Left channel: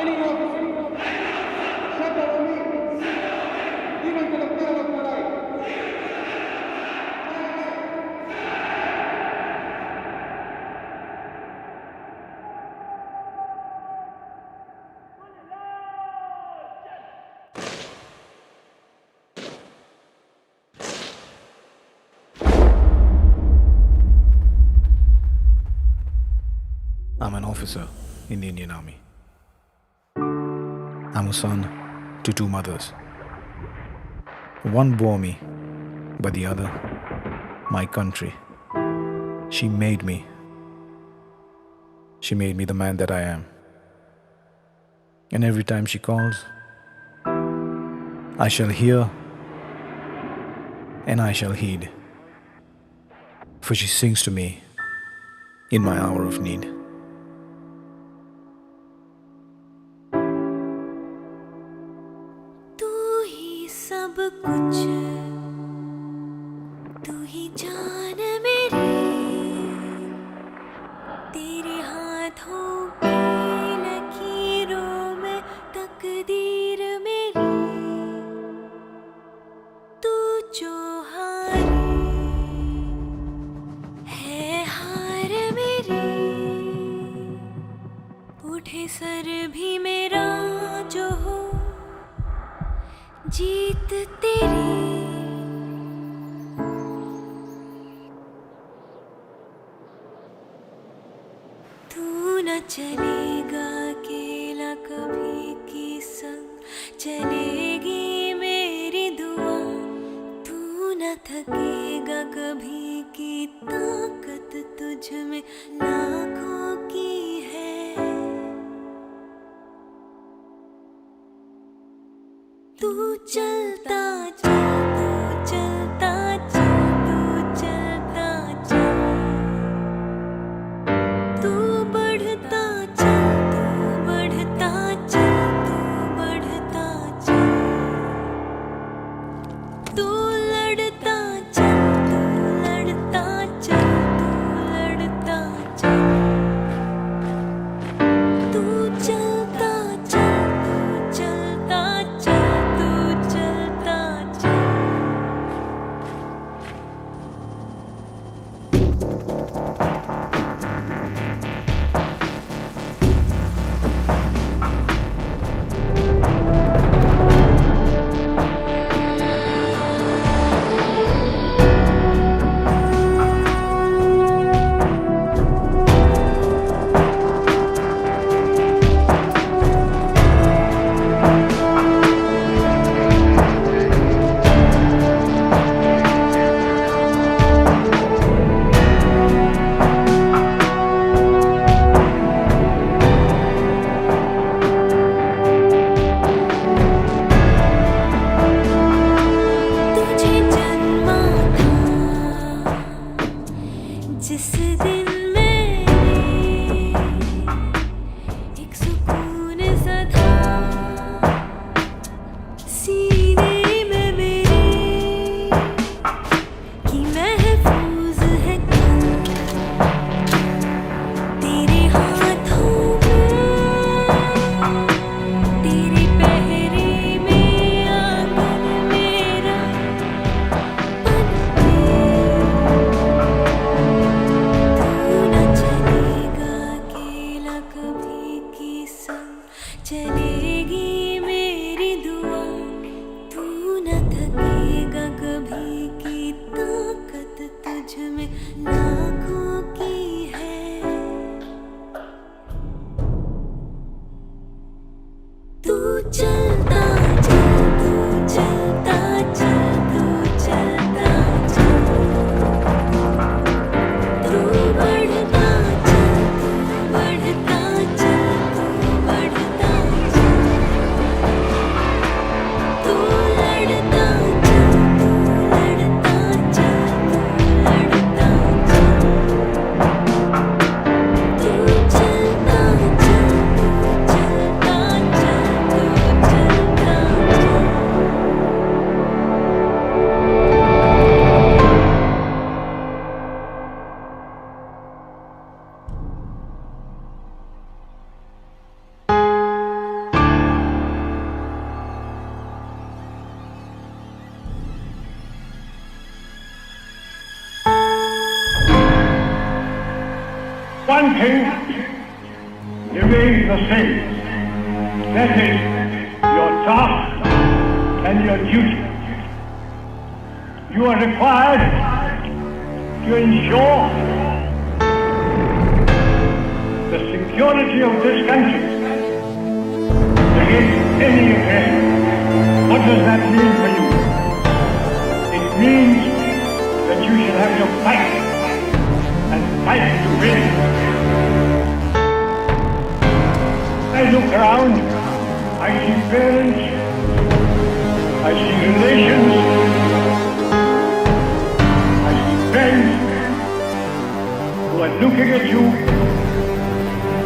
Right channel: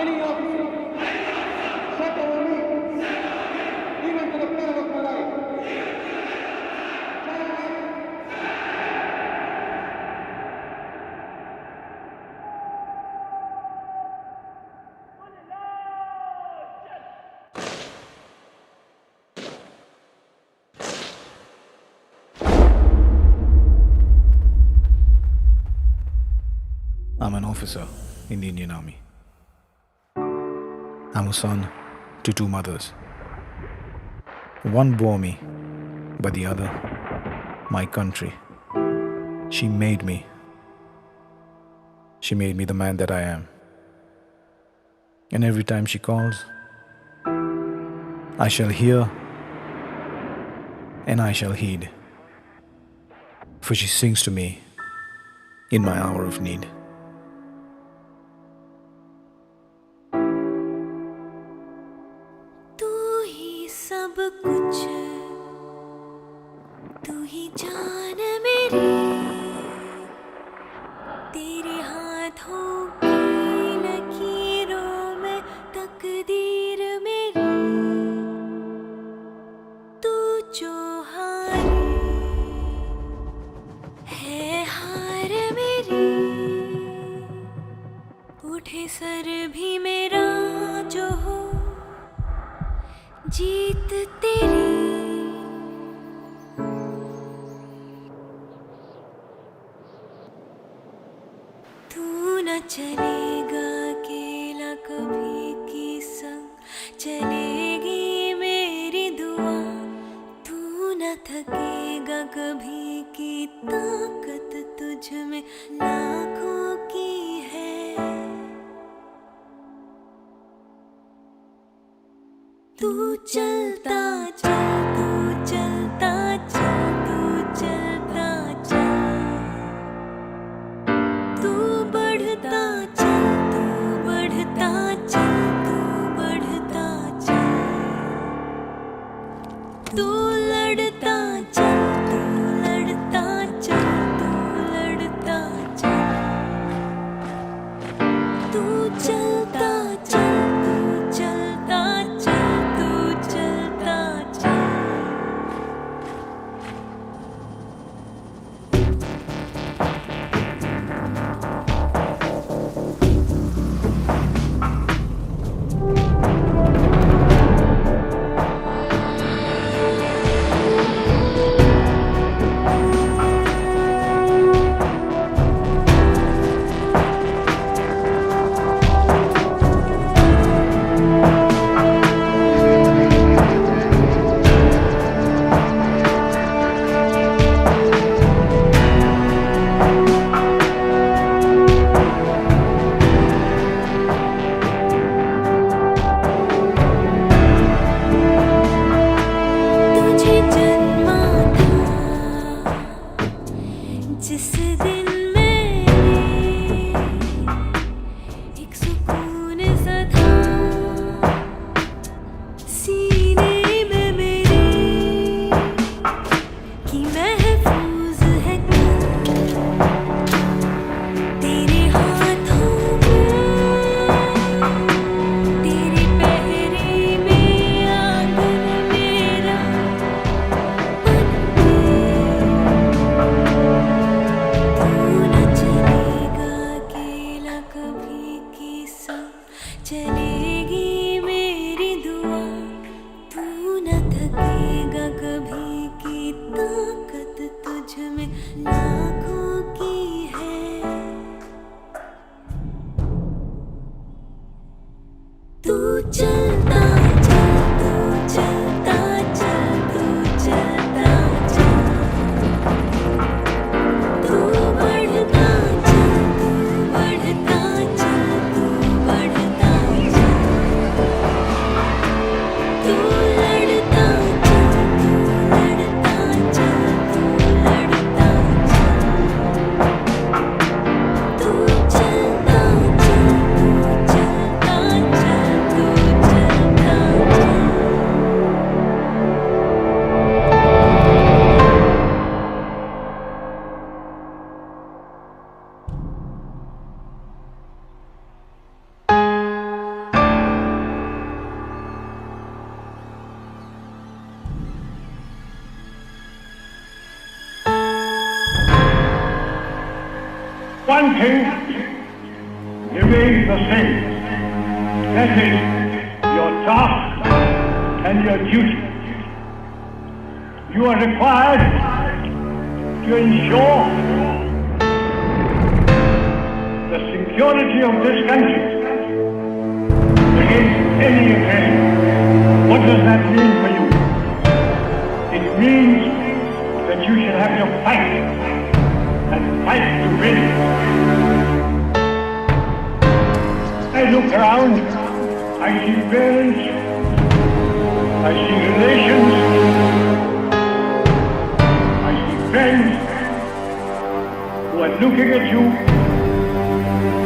Any officer. Shut over me. Even to the peril of my life. I'm an officer in the Indian Army. I'm a son to two mothers. One bore me, but the other, my country. She made me. She made me the man that I am. And every time she calls, I shall hear and I shall heed. For she sings to me in my hour of need. सब कुछ तू ही जान मेरी, तेरे हाथों की लकीरों में तकदीर मेरी, तू जो हारी है हार मेरी, उठे सर भी मेरा जो हो जीत तेरी। तू न चलेगा अकेला कभी की संग, चलेगी मेरी दुआ। तू न थकेगा कभी की ताकत तुझ में लाखों की है। तू चलता चल, तू चलता चल, तू चलता चल, तू बढ़ता चल, तू बढ़ता चल, तू बढ़ता चल, तू लड़ता चल, तू लड़ता चल, तू लड़ता चल, तू चलता चल, तू चलता चल, जिस दिन मैंने एक सुकून सा था सीने में मेरे, कि महफूज है कल तेरे हाथों में, तेरे पहरे में आंगन मेरा बन के। कभी की संग, चलेगी मेरी दुआ। तू न थकेगा कभी की ताकत तुझ में लाखों की है। तू चलता चल, तू चलता चल, तू चलता चल, तू बढ़ता चल, तू बढ़ता चल, तू बढ़ता चल, तू लड़ता चल, तू लड़ता चल, तू लड़ता चल, तू चलता चल, तू चलता चल, तू one thing remains the same. That is your task and your duty. You are required to ensure the security of this country against any aggression. What does that mean for you? It means that you shall have to fight and fight to win. I look around, I see parents, I see relations, I see friends who are looking at you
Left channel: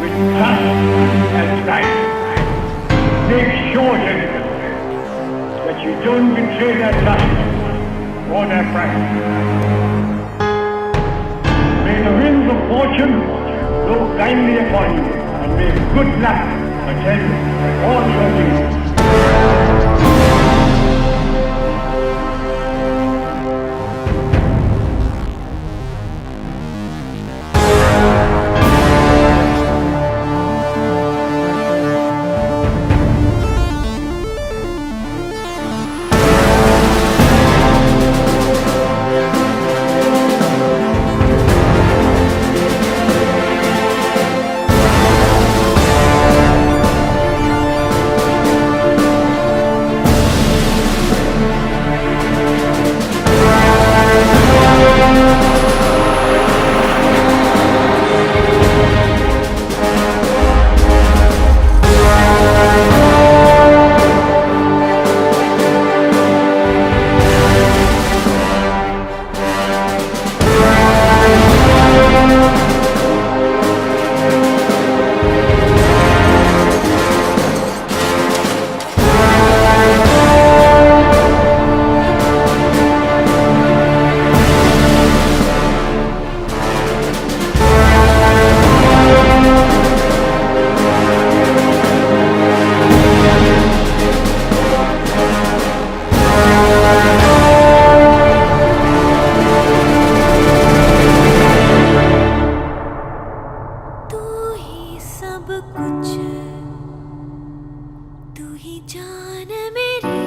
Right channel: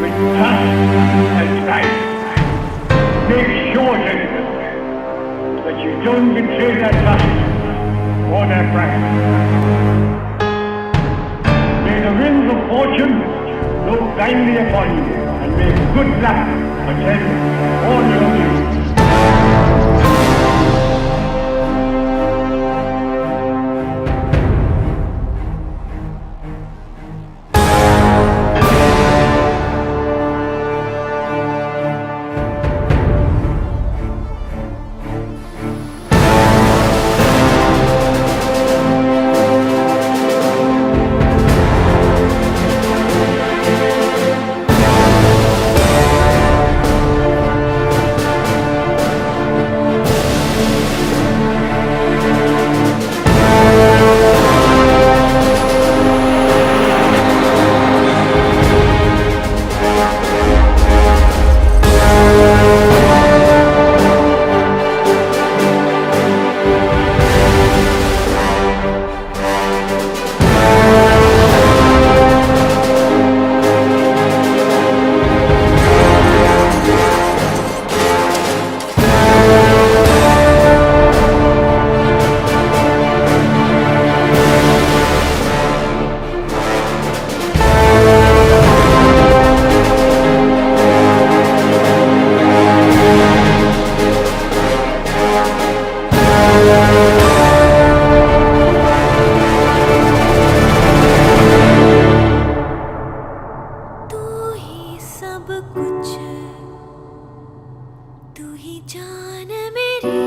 with trust and pride. Make sure, gentlemen, that you don't betray their trust or their pride. May the winds of fortune blow kindly upon you, and may good luck attend all your deeds. सब कुछ तू ही जान मेरी,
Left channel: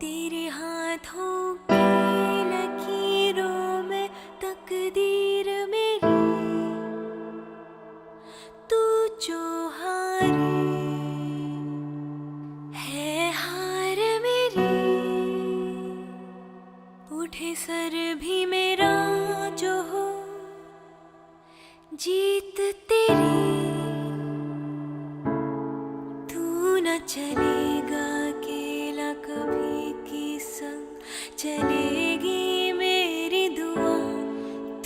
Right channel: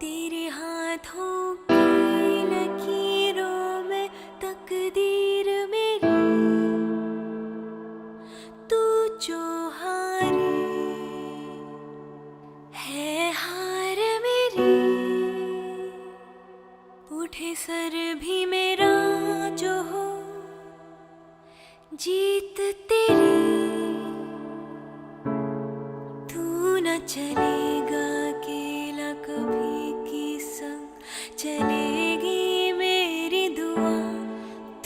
तेरे हाथों की लकीरों में तकदीर मेरी, तू जो हारी है हार मेरी, उठे सर भी मेरा जो हो जीत तेरी, तू न चलेगा अकेला कभी की संग चलेगी मेरी दुआ,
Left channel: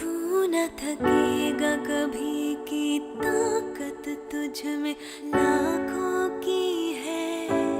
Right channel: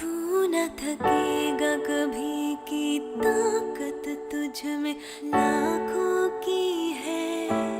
तू न थकेगा कभी की ताकत तुझ में लाखों की है।